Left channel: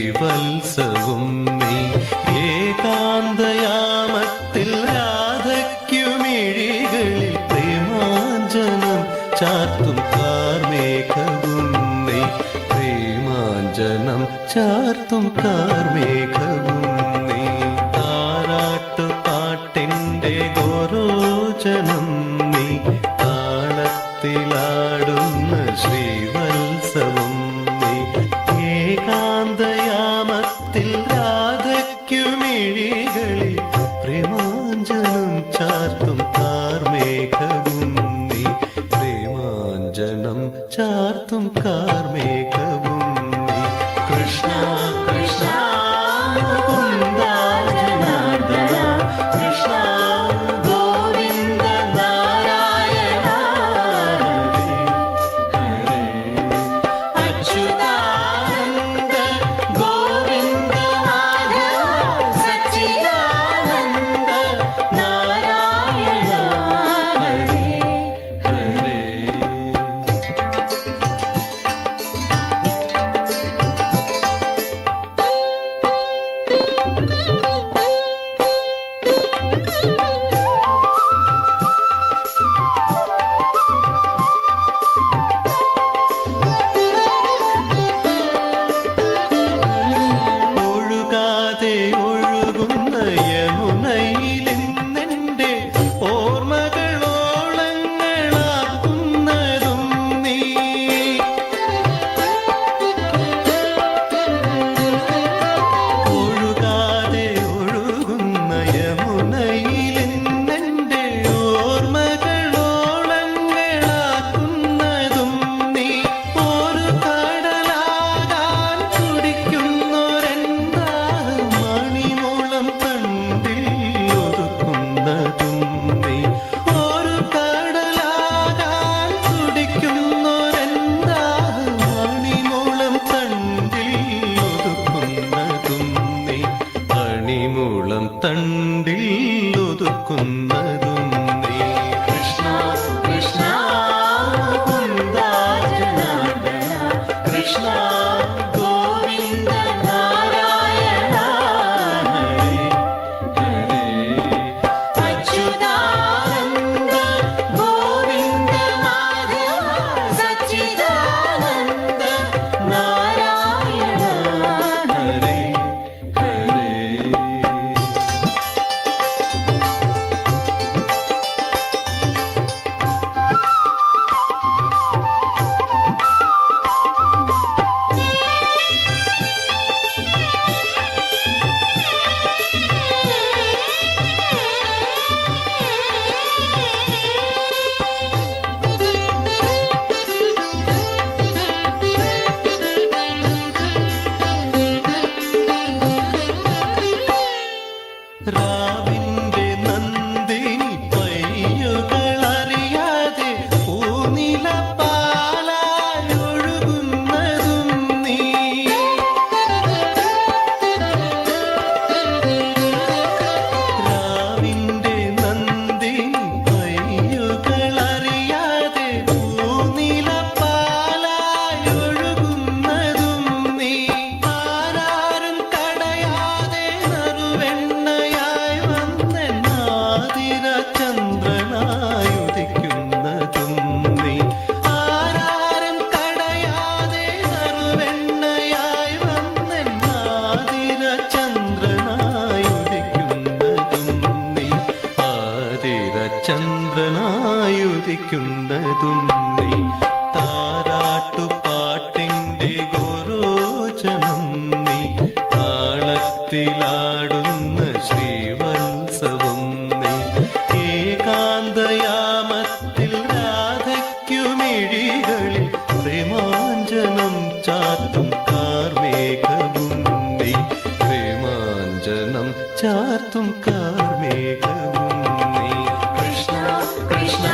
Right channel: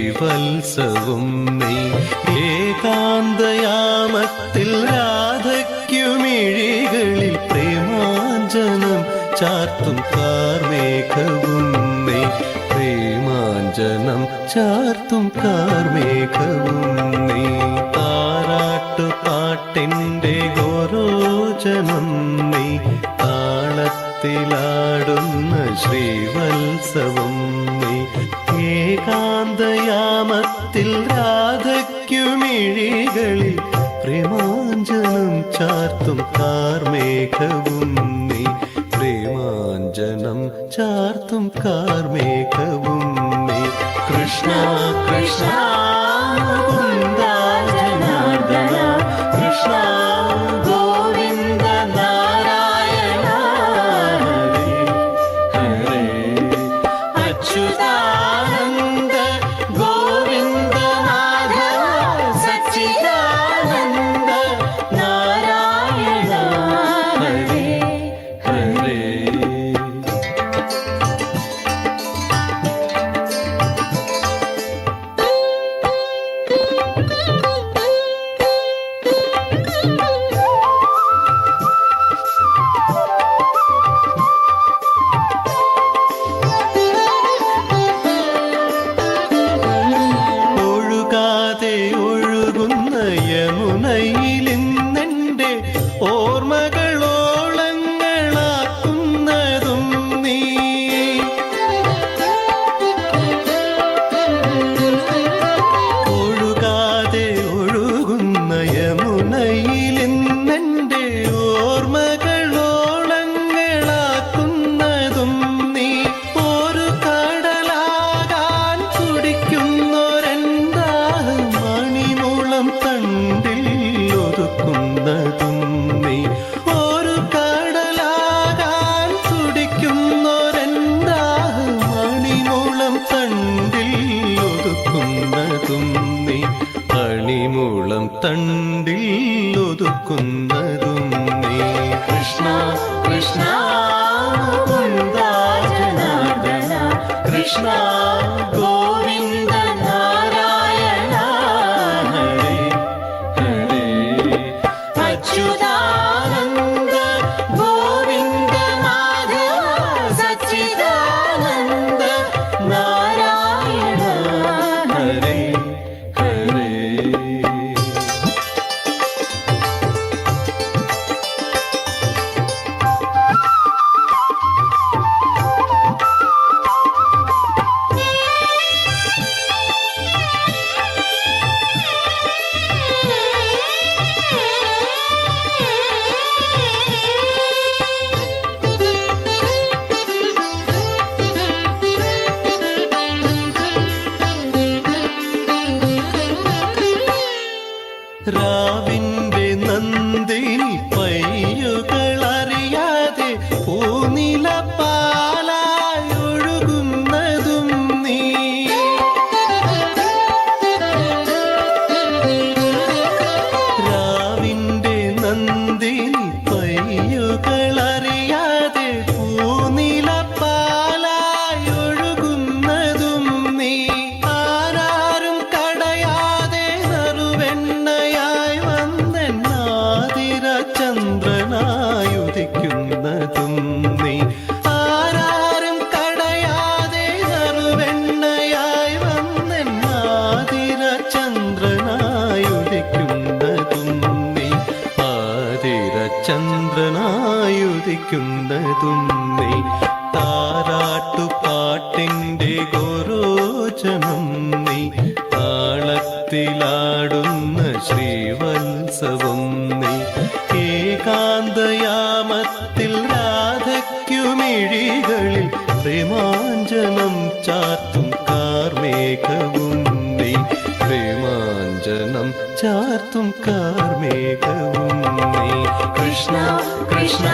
ശ്രീവത്സവും നീ. ഏകാന്തയാമത്തിൽ രാധയ്ക്കുമിഴികളിൽ പ്രേമാഞ്ജനം ചാർത്തും കാർമേഘവും നീ. പ്രേമാഞ്ജനം ചാർത്തും കാർമേഘവും നീ. താരാട്ടു പാട്ടിൻ്റെ ഗോരോചനം നീ. താളത്തിലാടുന്ന ശ്രീവത്സവം നീ. ഏകാന്തയാമത്തിൽ രാധയ്ക്കുമിഴികളിൽ പ്രേമാഞ്ജനം ചാർത്തും കാർമേഘവും നീ. പ്രേമാഞ്ജനം ചാർത്തും കാർമേഘവും നീ. കൃഷ്ണ കൃഷ്ണ മുകുന്ദ ജനാർദ്ദന കൃഷ്ണ ഗോവിന്ദ നാരായണ ഹരേ അച്യുതാനന്ദ ഗോവിന്ദ മാധവ സച്ചിദാനന്ദ നാരായണ ഹരേ ഹരേ. ഒഴുകാതെ ഒഴുകുന്ന യമുനയിലിന്നെൻ്റെ ഓർമ്മകളോളങ്ങളാക്കുന്നതും നീ. ഒഴുകാതെ ഒഴുകുന്ന യമുനയിലിന്നെൻ്റെ ഓർമ്മകളോളങ്ങളാക്കുന്നതും നീ. ഒരു കടലാകാൻ തുടിക്കുന്നൊരെന്താഹം മണിമൂളം തണ്ടിൽ ഒതുക്കുന്നതും നീ. ഒരു കടലാകാൻ തുടിക്കുന്നൊരെന്താഹം മണിമൂളം തണ്ടിൽ ഒതുക്കുന്നതും നീ. മണിമൂളം തണ്ടിൽ ഒതുക്കുന്നതും നീ. കൃഷ്ണ കൃഷ്ണ മുകുന്ദ ജനാർദ്ദന കൃഷ്ണ ഗോവിന്ദ നാരായണ ഹരേ ഹരേ അച്യുതാനന്ദ ഗോവിന്ദ മാധവ സച്ചിദാനന്ദ നാരായണ ഹരേ ഹരേ. രാവിന്റെ നന്ദിനി പയ്യുകളറിയാതെ പൂനില പാലായൊഴുകുന്നതും നീ. രാവിന്റെ നന്ദിനി പയ്യുകളറിയാതെ പൂനില പാലായൊഴുകുന്നതും നീ. ആരാരും തടയാതെ നറുവെണ്ണയായി വന്നെണ്ണാതിര ചന്ദ്രനായുദിക്കുന്നതും നീ. ആരാരും തടയാതെ നറുവെണ്ണയായി വന്നെണ്ണാതിര ചന്ദ്രനായുദിക്കുന്നതും നീ. ആതിര ചന്ദ്രനായുദിക്കുന്നതും നീ. താരാട്ടു പാട്ടിൻ്റെ ഗോരോചനം നീ. താളത്തിലാടുന്ന ശ്രീവത്സവം നീ. ഏകാന്തയാമത്തിൽ രാധയ്ക്കുമിഴികളിൽ പ്രേമാഞ്ജനം ചാർത്തും കാർമേഘവും നീ. പ്രേമാഞ്ജനം ചാർത്തും കാർമേഘവും നീ. കൃഷ്ണ കൃഷ്ണ